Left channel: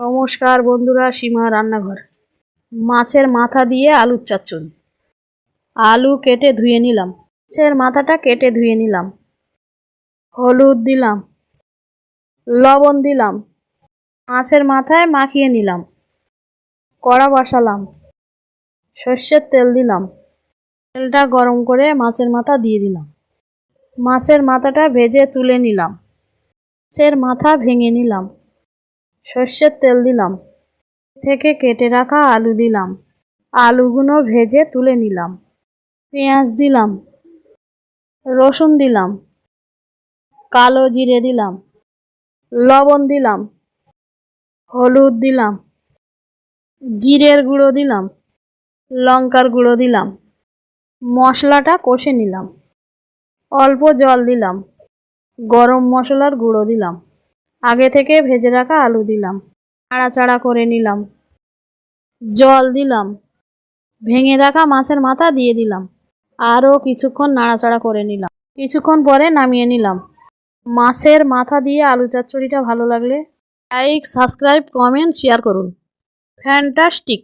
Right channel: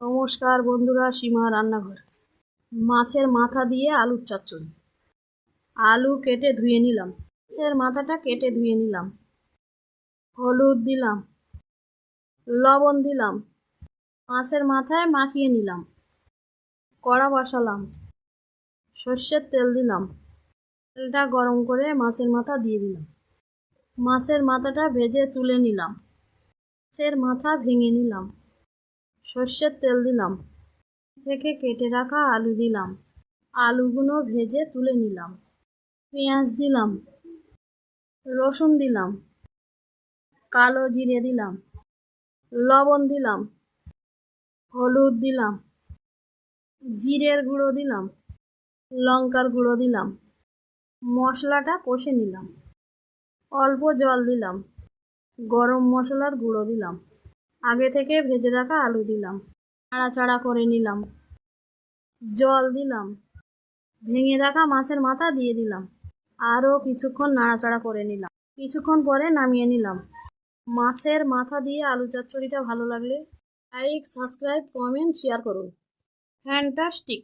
নমস্কার বন্ধুরা, সীমা রান্নাঘর। মাছের মাথা দিয়ে আলুর চচ্চড়ি। আলু কেটে ধুয়ে নিলাম, মাছের মাথাটা কেটে ধুয়ে নিলাম, হলুদ দিলাম, লবণ দিলাম, মাছের মাথায় মাখিয়ে নিলাম, কড়া বসালাম, সর্ষের তেল দিলাম, তেলটা গরম করে মাছের মাথা দিয়ে দিলাম, মাছের মাথাটা ভেজে তুলে নিলাম, মাছের মাথা ভেঙে নিলাম, সর্ষের তেল দিলাম, থেকে কেটে রাখা আলু দিলাম, আলুগুলো ভেজে তুলে নিলাম, পেঁয়াজ দিলাম, রসুন দিলাম, কালো জিরে দিলাম, লবণ দিলাম, হলুদ দিলাম, জিরের গুঁড়ো দিলাম, লঙ্কার গুঁড়ো দিলাম, মশলাটা কষে নিলাম, অল্প জল দিলাম, গরম মশলার গুঁড়ো দিলাম, আগে থেকে ভেজে রাখা আলু দিলাম, নাড়াচাড়া করে নিলাম, জল দিলাম, ভেঙে রাখা মাছের মাথা দিয়ে দিলাম, আরও কিছুক্ষণ নাড়াচাড়া করে নিলাম, কিছুক্ষণ পরে নামিয়ে নিলাম। মাছের মাথা দিয়ে আলু চচ্চড়িটা ভালো লাগলে লাইক, সাবস্ক্রাইব, কমেন্ট, শেয়ার করুন। ফ্যান্টাস্টিক।